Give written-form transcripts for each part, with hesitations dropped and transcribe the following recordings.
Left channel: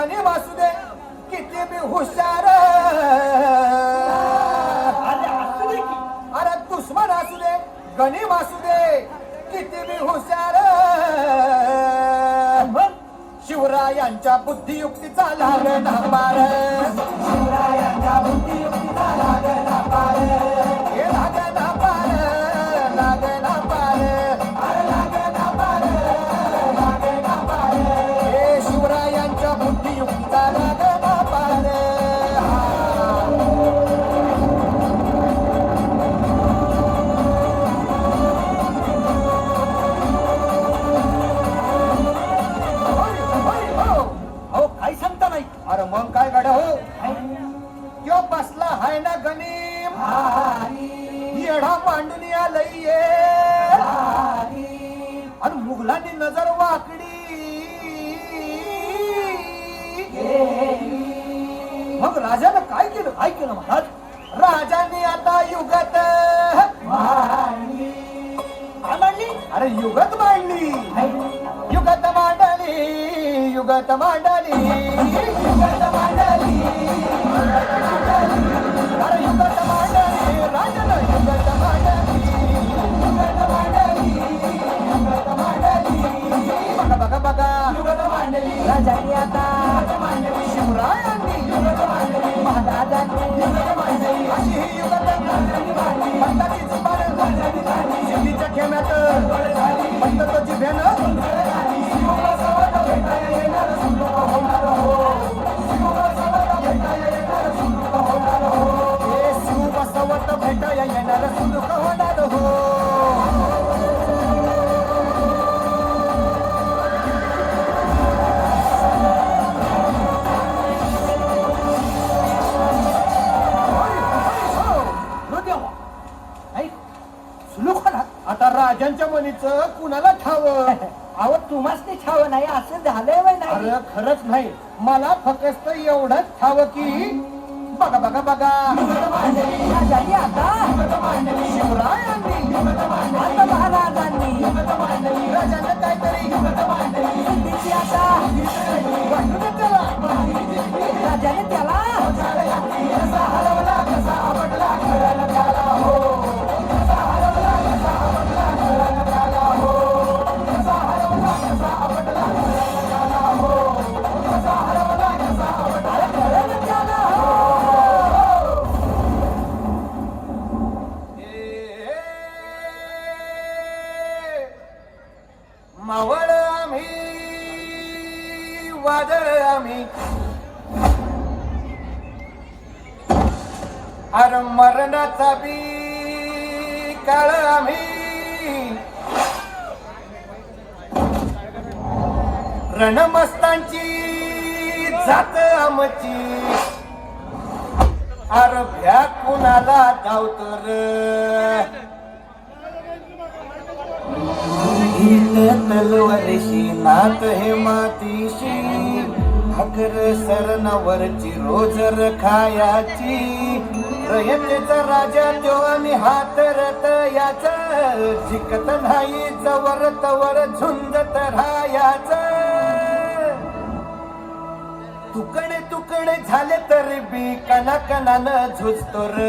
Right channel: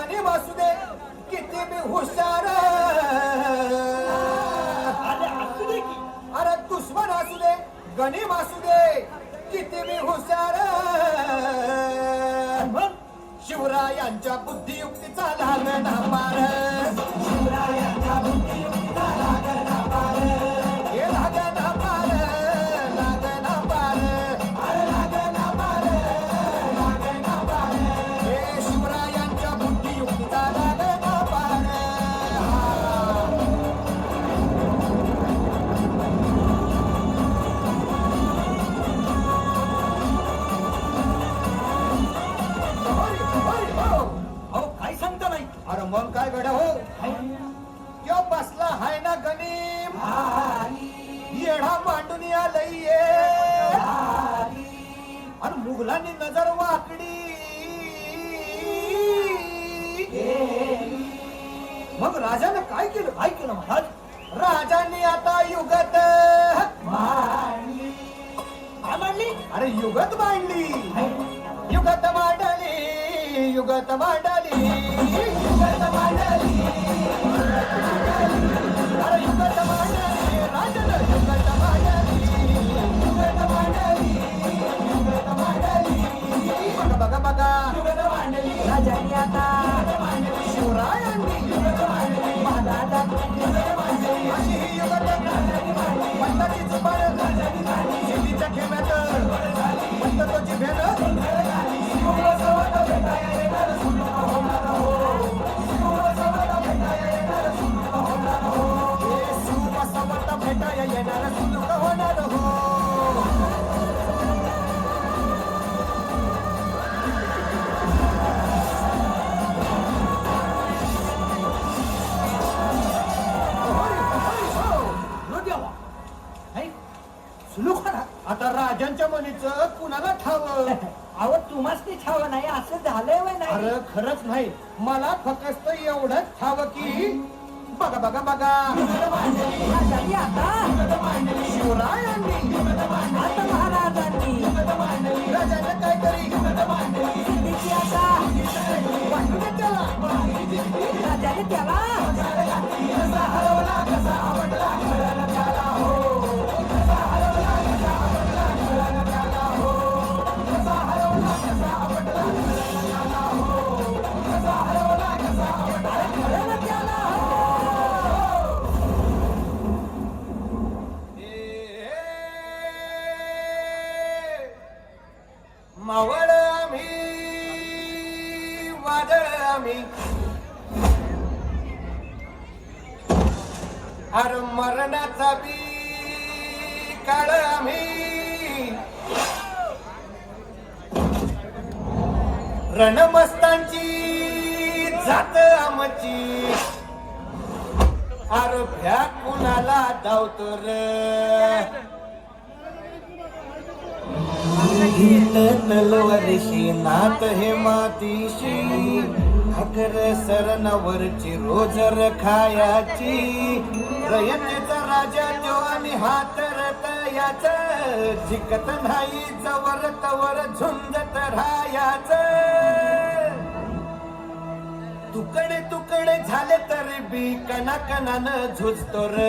गणी वासू दे किती मी हुशार अरे दुश्मन असू दे गणी वासू दे किती मी हुशार शिवरायांच्या बुद्धियुक्तीचा लागेना पार शिवरायांच्या बुद्धियुक्तीचा लागेना पार हे लागेना पार लागेना पार अरे लागेना पार लागेना पार हे शिवरायांच्या बुद्धियुक्तीचा लागेना पार अरे मग काय गड्या हो यो बसला हाय ना गणिम येढा मांडून आलंय आणि मुघलांनी नजर वाकडी मग राजानं काय केलं महाराज राजाने आता युगत मांडली अरे युगत मांडली युगत मांडली युगत मांडली युगत मांडली अरे युगत मांडली राजन युगत मांडली युगत मांडली युगत मांडली बघा बघा बघा युगत मांडली राजांनी आता शिवरायांनी युगत मांडली महाराजांनी युगत मांडली अशी ही युगत मांडली पंताची जुबान शेतीच्या खेम्यात पंताची भेन भेटाया येणार सुख होणार हो आता राजांच्या मनीचं कुणाला ठावं अहो तुम्हाच ते छाव नाही असं झालंय वय नाही अरे खरंच नाही मला फक्त एवढंच ठावं की बघा बघा बघा राजांनी आता शिवरायांनी आता महाराजांनी राजानं काहीतरी आता वाटलं त्याला राजाने त्याला मावळ आम्ही वादळ आम्ही अरे मरणाचा बी काळ आम्ही रणमस्तांची जात आमची अरे भ्या कुणाला धावतो तलवारीशी नात हे मातीशी हकर सरनवरची रोजर खायाची रयतेचा राजा तो आणि हात रत याच जिकत नाही जवर तवर झुंजत राहायाच तुकडे तुकडे झाले तरी बी कणाकणानं झुजतो र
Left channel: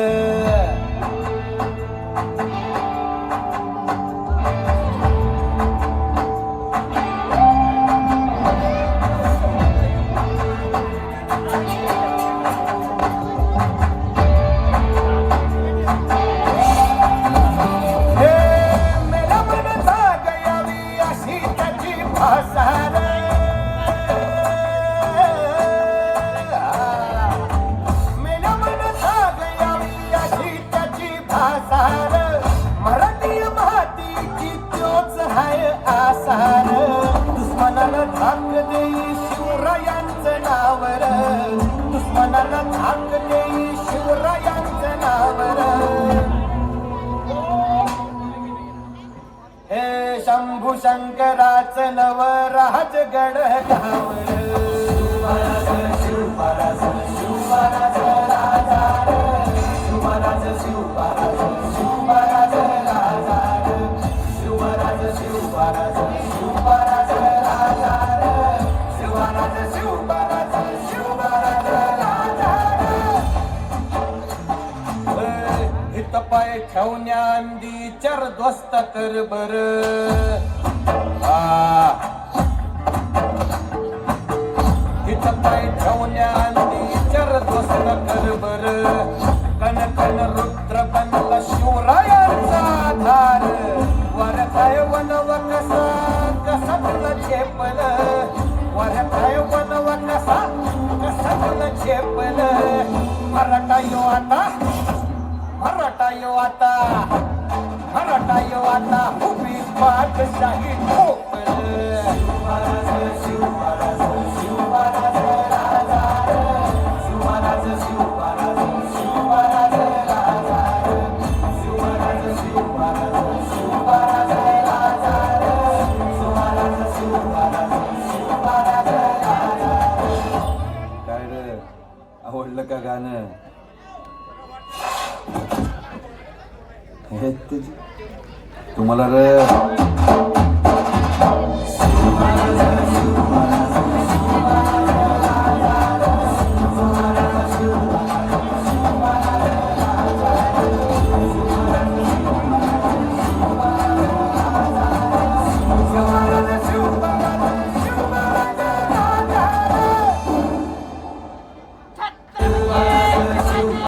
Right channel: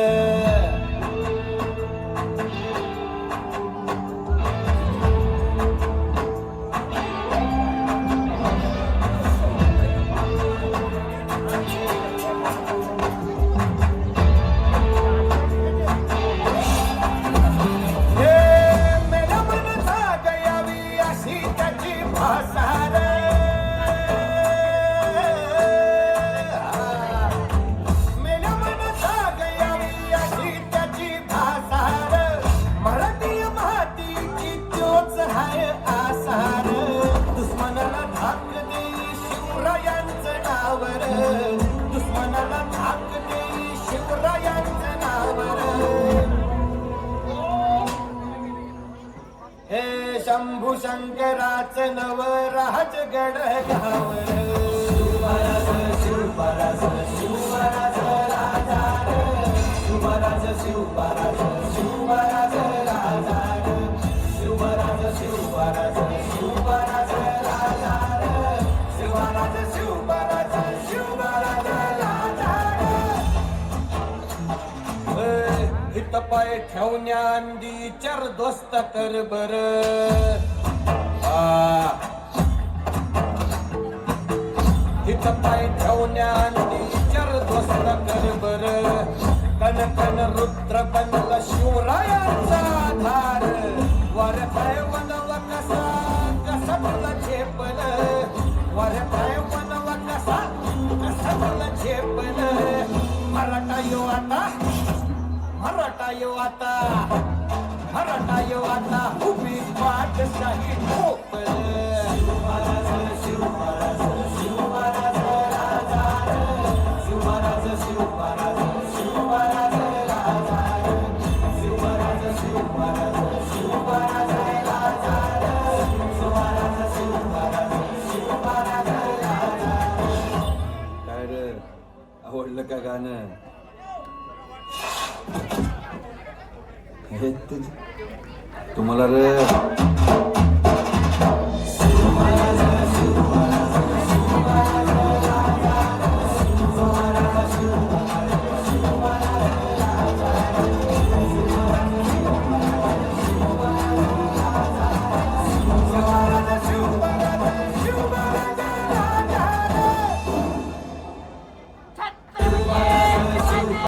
शंभू शंकराच नवराज गड शिवराज ठेवण्यांदी चर दोस्त कर बर हित पाय ठेवण्यांदी चर दोस्त कर बर कण कण रुद्र बनला शिवरायांचा आधार वर काय वनव कसा कसा तुला झेपल वर काय वनव कसा कसा तुला झेपल मराठा यो आता मराठा यो आता मराठा यो आता उभी पाठशाही ठोकल शिवमहाराज शिवमहाराज शिवमहाराज राजा शिवमहाराज शिवमहाराज शिवमहाराज राजा शिवमहाराज शिवमहाराज शिवमहाराज राजा शिवमहाराज शिवमहाराज शिवमहाराज राजा. काय रे आवडलं का गाणं? हे तुम्हाला रे